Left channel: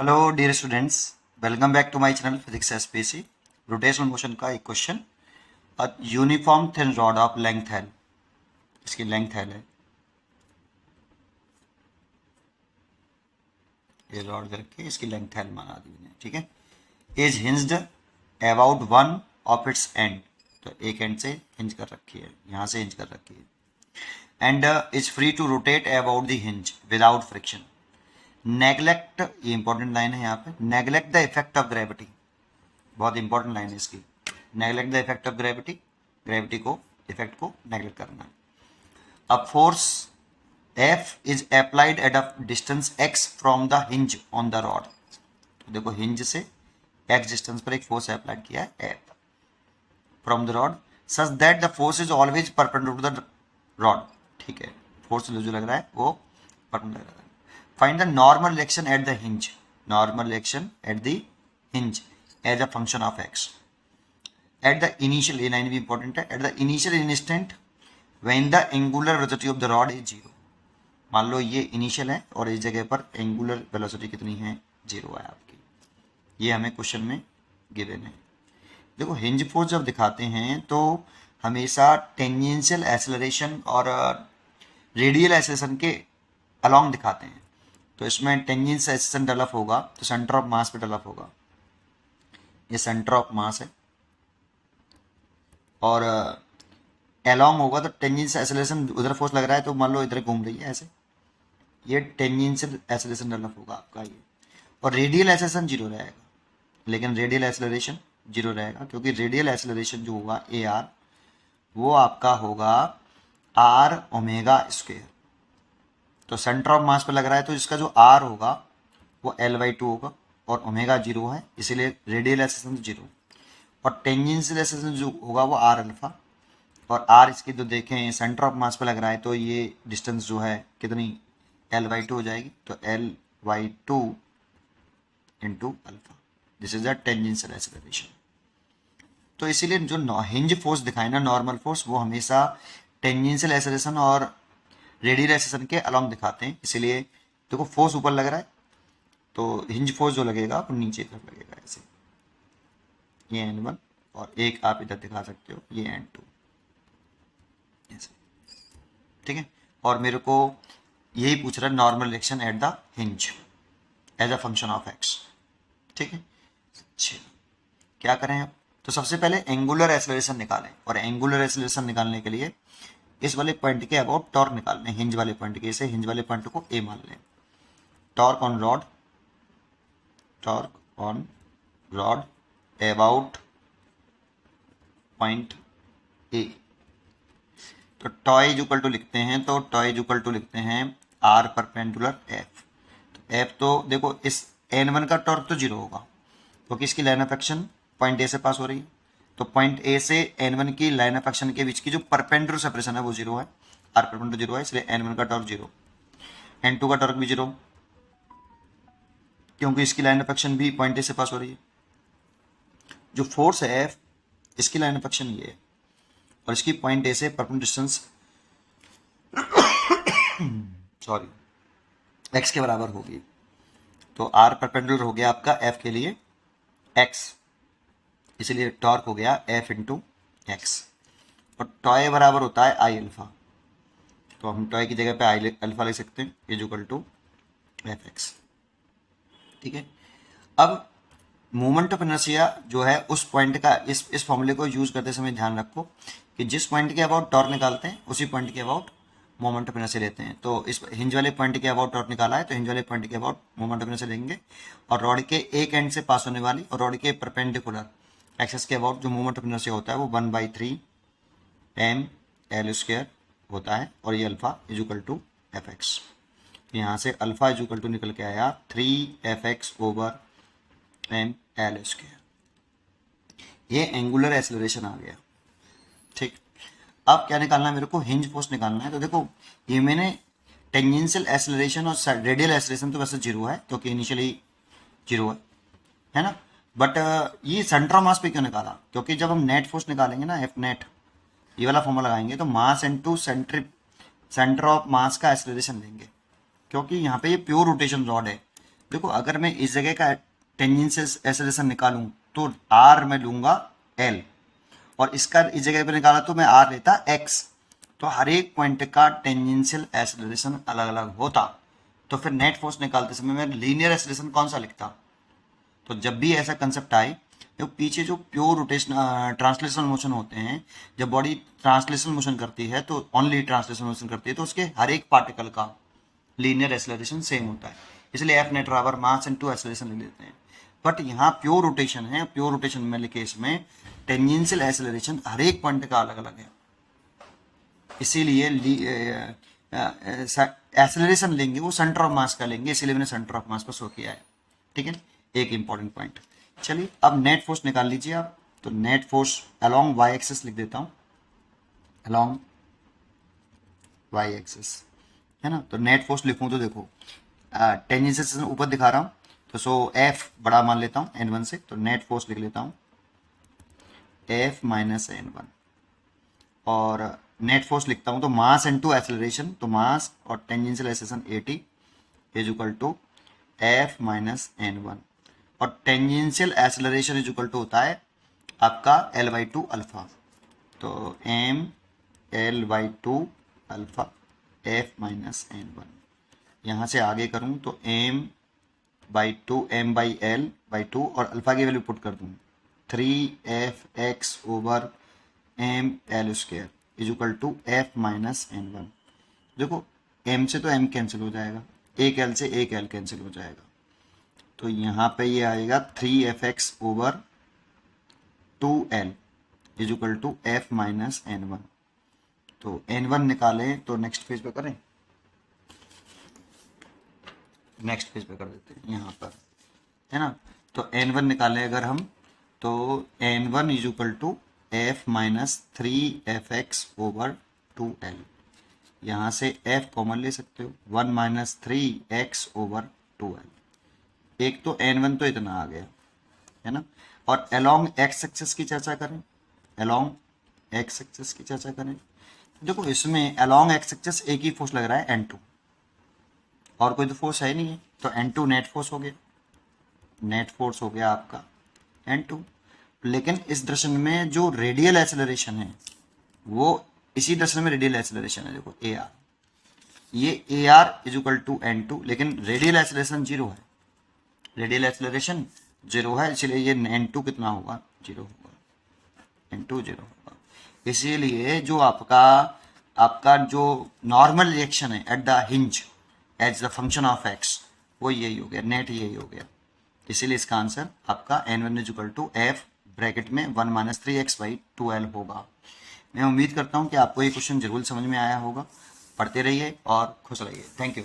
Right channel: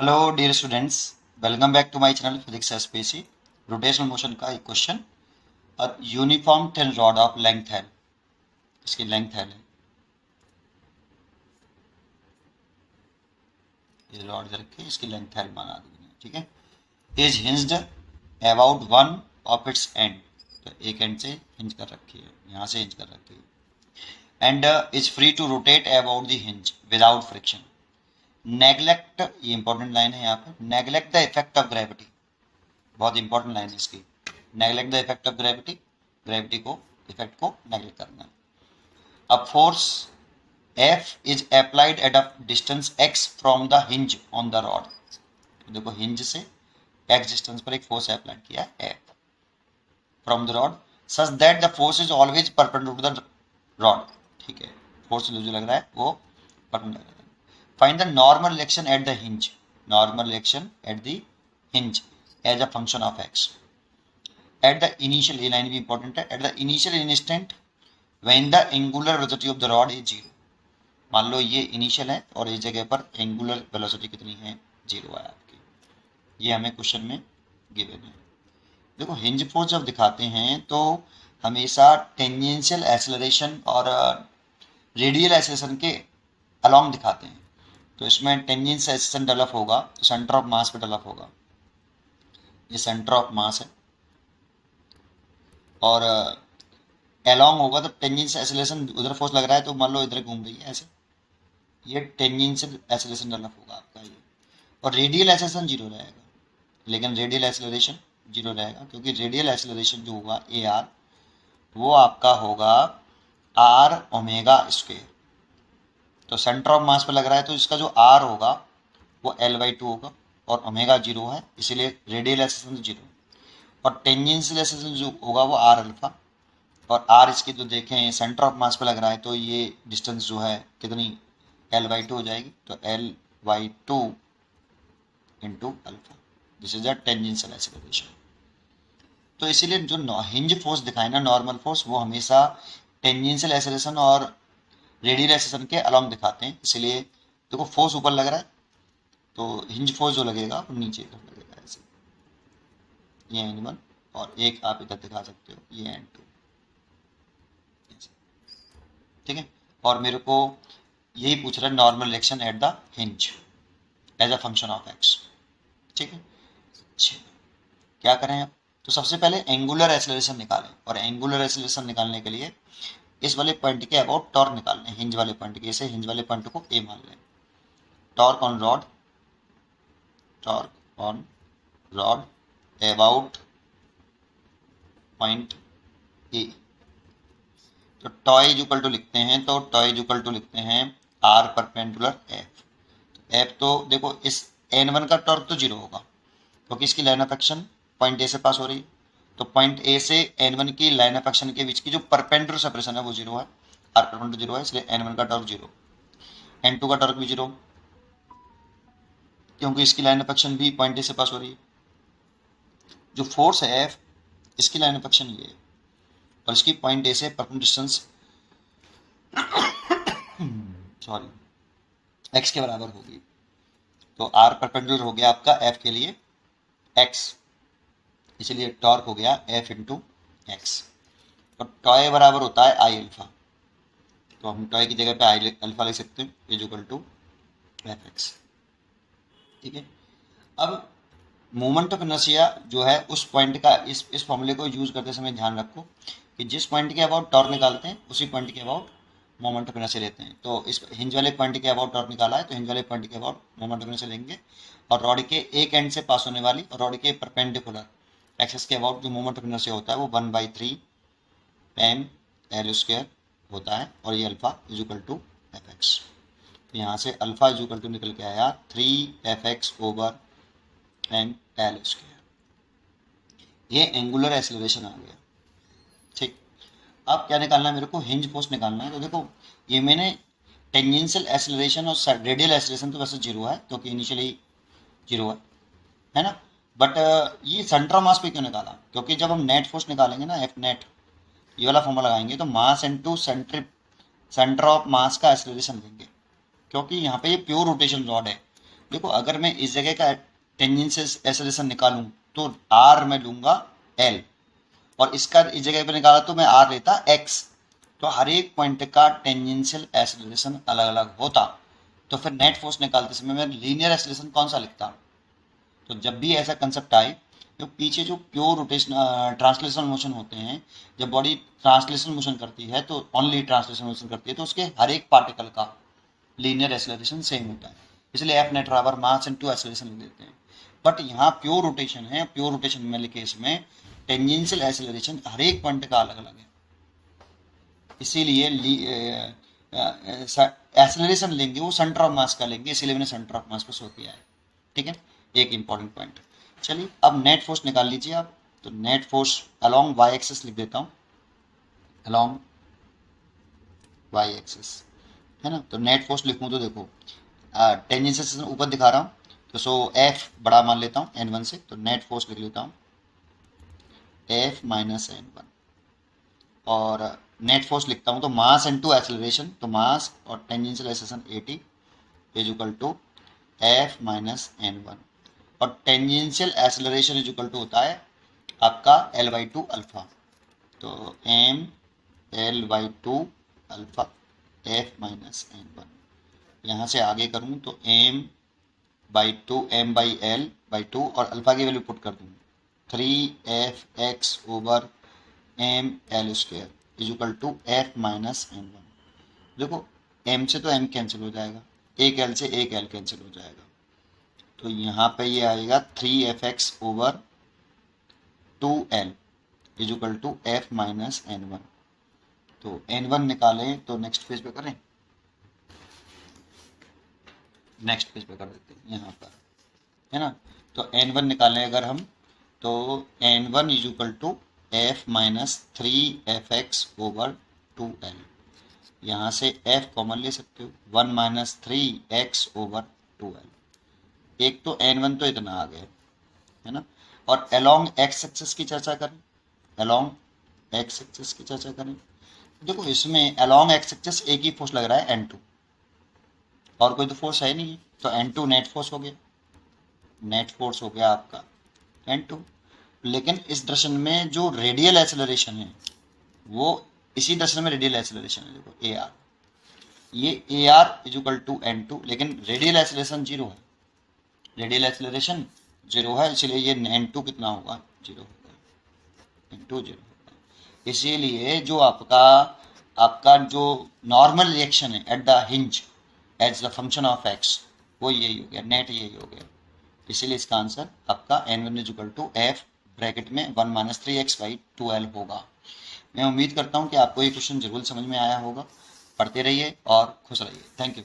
Hello dear students, welcome back to my channel physics SPC. Rotational motion का एक question. Uniform thin rod of length L, इसकी length L है, ये rod दे रखी है, इसकी लेंथ एल बना दी मैंने, ठीक है। Is hinged about one of its and, तो एक एंड से हिंज कर रखी है, यहाँ से हिंज कर रखी है। End is free to rotate about the hinge without friction. Neglect, ये इंपॉर्टेंट लाइन है यहाँ पे, neglect the effect of gravity, बहुत इंपॉर्टेंट लाइन है इसकी। Neglect the effect of gravity, gravity को, इफेक्ट को नेग्लेक्ट करना। अब force F is applied at a distance X from the hinge on the rod, तो देखो हिंज से एक्स डिस्टेंस पर एक फोर्स अप्लाइड किया है F from the rod such that the force is always perpendicular to the rod, ठीक है। Force जो लग रहा है वो perpendicular. Find the normal reaction at the hinge, normal reaction at the hinge as a function of X at the initial, ये लाइन भी इंपॉर्टेंट है, at the initial instant when the angular velocity of the rod is zero। मान लो ये initial है और इस जगह पर एंगुलर वेलोसिटी कितनी है, जीरो है आपकी। ये हमें क्वेश्चन में गिवन है। देखो हिंज फोर्स जब दिखाते हैं तो हमेशा टेंजेंशियल एक्सेलरेशन और रेडियल एक्सेलरेशन के अलोंग दिखाते हैं। तो इसमें टेंजेंशियल एक्सेलरेशन डेवलप होगा तो सेंटर ऑफ मास पे डेवलप होगा, ये सेंटर ऑफ मास है, और एलॉन्ग होगा तो टेंजेंशियल एक्सेलरेशन, उधर फोर्स लग रहा है तो मान लो इधर घूम रही है ऐसे, ये टेंजेंशियल एक्सेलरेशन डेवलप होगा आपका ये। और रेडियल एक्सेलरेशन जीरो रहेगा, लेकिन रेडियल एक्सेलरेशन जीरो रहेगा क्योंकि रेडियल एक्सेलरेशन जो होगा ए आर, वो आपका होगा आर ओमेगा स्क्वेयर। तो सेंटर ऑफ मास पे लग रहा है तो इसका जो आर होगा वो एल बाई टू होगा और ओमेगा जीरो है, इसीलिए रेडियल एक्सेलरेशन जीरो। और टेंजेंशियल एक्सेलरेशन जो होगा वो आर अल्फा, और आर इसकी जो देखें सेंटर ऑफ मास पे लग रहा है तो ये डिस्टेंस जो है कितनी, एल बाई टू हो जाएगी, तो L by two into alpha, this is the tangential acceleration. तो इसीलिए जो हिंज फोर्स दिखाए ना, नॉर्मल फोर्स, वो हमेशा टेंजेंशियल एक्सेलरेशन और रेडियल एक्सेलरेशन के अलोंग दिखाते हैं। इसीलिए देखो फोर्स ऊपर लग रहा है तो हिंज फोर्स जो लगेगा वो नीचे की तरफ लगेगा ऐसे, ये एन वन, और एक आप इधर दिखा सकते हो ये एन टू, ठीक है। और मेरे को यही पूछ रहा है normal reaction at the hinge as a function of X, ठीक है। चलिए क्या करें अब, तो सबसे पहले एंगुलर एक्सेलरेशन निकालें, और एंगुलर एक्सेलरेशन निकालने के लिए इस वाले पॉइंट के अबाउट टॉर्क निकाल लें, हिंज वाले पॉइंट के, इसे हिंज वाले पॉइंट को ए मान लें। Torque on rod, torque on rod about point A, तो टॉय इज इक्वल टू लिखते हैं, तो टॉय इज इक्वल टू लिखते हैं आर परपेंडिकुलर एफ। तो एफ तो देखो इस एन वन का टॉर्क तो जीरो होगा क्योंकि इसकी line of action point A से पास हो रही है, तो पॉइंट ए से एन वन की लाइन ऑफ एक्शन के बीच की जो परपेंडिकुलर सेपरेशन है वो जीरो है, आर परपेंडिकुलर जीरो है, इसलिए एन वन का टॉर्क जीरो, एन टू का टॉर्क भी जीरो क्योंकि इसकी लाइन ऑफ एक्शन भी पॉइंट ए से पास हो रही है। जो फोर्स है एफ, इसकी लाइन ऑफ एक्शन ये है और इसकी पॉइंट ए से परपेंडिकुलर डिस्टेंस सॉरी एक्स के बराबर होगी, तो आर परपेंडिकुलर हो गया आपका एफ के लिए एक्स, इसलिए टॉर्क हो गया एफ इंटू एक्स, और टॉय बराबर होता है आई अल्फा, तो हम टॉय की जगह पे आई अल्फा लिख सकते हैं, is equal to F X, ठीक है। अब मोमेंट ऑफ इनर्शिया जो है उस पॉइंट का, इस फॉर्मूले को यूज करते समय ध्यान रखो कि जिस पॉइंट के अबाउट टॉर्क निकालते हैं उसी पॉइंट के अबाउट मोमेंट ऑफ इनर्शिया लेते हैं। तो इस हिंज वाले पॉइंट के अबाउट टॉर्क निकाला है तो हिंज वाले पॉइंट के अबाउट मोमेंट ऑफ इनर्शिया लेंगे, और रॉड के एक एंड से पास होने वाली और रॉड के परपेंडिकुलर एक्सेस के अबाउट जो मोमेंट ऑफ इनर्शिया होता है वो 1/3 एम एल स्क्वायर होता है, और ये alpha is equal to F X. यहाँ से अल्फा इज इक्वल टू निकल के आया 3f(x) over M L square, ये एंगुलर एक्सेलरेशन आ गया, ठीक। अब क्या निकालना है मेरे को, हिंज फोर्स निकालना है। तो देखो ये मैंने टेंजेंशियल एक्सेलरेशन और रेडियल एक्सेलरेशन तो वैसे जीरो है क्योंकि इनिशियली जीरो है ना, बट ये सेंटर ऑफ मास पे क्यों निकाला, क्योंकि जब हम नेट फोर्स निकालेंगे ना, एफ नेट, ये वाला फॉर्मूला लगाएंगे तो mass into centre of mass का एक्सेलरेशन लेंगे, क्योंकि यहाँ पे ये प्योर रोटेशन रॉड है, देखो अगर मैं इस जगह का टेंजेंशियल एक्सेलरेशन निकालूं तो आर में लूंगा एल, और इसका इस जगह पे निकाला तो मैं आर लेता एक्स। तो हर एक पॉइंट का टेंजेंशियल एक्सेलरेशन अलग अलग होता, तो फिर नेट फोर्स निकालते समय मैं लीनियर एक्सेलरेशन कौन सा लिखता। तो जब भी ऐसा कंसेप्ट आए, जो पीछे जो प्योर रोटेशन ट्रांसलेशन मोशन होते हैं, जब बॉडी ट्रांसलेशन मोशन करती है तो ओनली ट्रांसलेशन मोशन करती है, तो उसके हर एक पार्टिकल का लीनियर एक्सेलरेशन सेम होता है, इसलिए एफ नेट बराबर मास इनटू एक्सेलरेशन लिख देते हैं। बट यहाँ प्योर रोटेशन है, प्योर रोटेशन में केस में टेंजेंशियल एक्सेलरेशन हर एक पॉइंट का अलग अलग है, इसीलिए एक्सेलरेशन लेंगे वो सेंटर ऑफ मास का लेंगे, इसीलिए मैंने सेंटर ऑफ मास को शो किया है। ठीक है, एक इंपॉर्टेंट पॉइंट। चलिए अब नेट फोर्स निकाल लीजिए आप। तो net force along Y axis लिख देता हूँ, अलोंग वाई एक्सिस, है ना। तो नेट फोर्स लिखूँ तो देखो टेंजेंशियल ऊपर दिखा रहा हूँ, तो सो एफ बड़ा मान लेता हूँ n1 से, तो नेट फोर्स लिख लेता हूँ एफ माइनस n1, और नेट फोर्स लिखता हूँ तो मास इनटू एक्सेलरेशन, तो मास और tangential acceleration 80 is equal to F minus n1, और tangential acceleration is equal to होता है आपका l/2 अल्फा, तो M l/2 alpha F minus n1। यहाँ से आगे करूँ तो m/2 m/l/2 और अल्फा की वैल्यू पुट कर दूँ 3f(x) over m(l)² is equal to F minus n1। देखो m से तो m कैंसिल हो जाएगा, एक l से एक l कैंसिल हो जाएगा, तो यहाँ पे ये आएगा 3f(x) over 2l is equal to F minus n1। तो n1 निकालें तो नेक्स्ट पेज पे करें, नेक्स्ट पेज पे कर देते हैं यहाँ पर, है ना। तो n1 निकालें अगर हम, तो n1 is equal to F minus 3f(x) over 2l, यहाँ से f कॉमन ले सकते हो, 1 माइनस 3x ओवर 2l, एक तो n1 तो इतना आ गया, है ना। और अलोंग x एक्सिस की चर्चा करें, अलोंग x एक्सिस की चर्चा करें, देखो इसमें अलोंग x एक्सिस एक ही फोर्स लग रहा है n2, और कोई तो फोर्स है नहीं है, तो n2 नेट फोर्स हो गया, नेट फोर्स हो गया आपका n2। लेकिन इस दर्शन में जो रेडियल एक्सेलरेशन है वो इसी दर्शन में रेडियल एक्सेलरेशन है, देखो ए आर, ये A R is equal to n2, लेकिन रेडियल एक्सेलरेशन जीरो है, रेडियल एक्सेलरेशन जीरो है, इसलिए ये n2 कितना होगा, जीरो होगा, n2 जीरो होगा। इसीलिए जो आपका आपका जो नॉर्मल रिएक्शन है at the hinge as the function of x, वो यही हो गया, नेट यही हो गया, इसीलिए इसका आंसर आपका n1 is equal to F bracket में 1 माइनस 3x/2l होगा। मैं उम्मीद करता हूँ कि आपको ये क्वेश्चन जरूर समझ में आया होगा। पढ़ते रहिए और खुश रहिए। Thank you.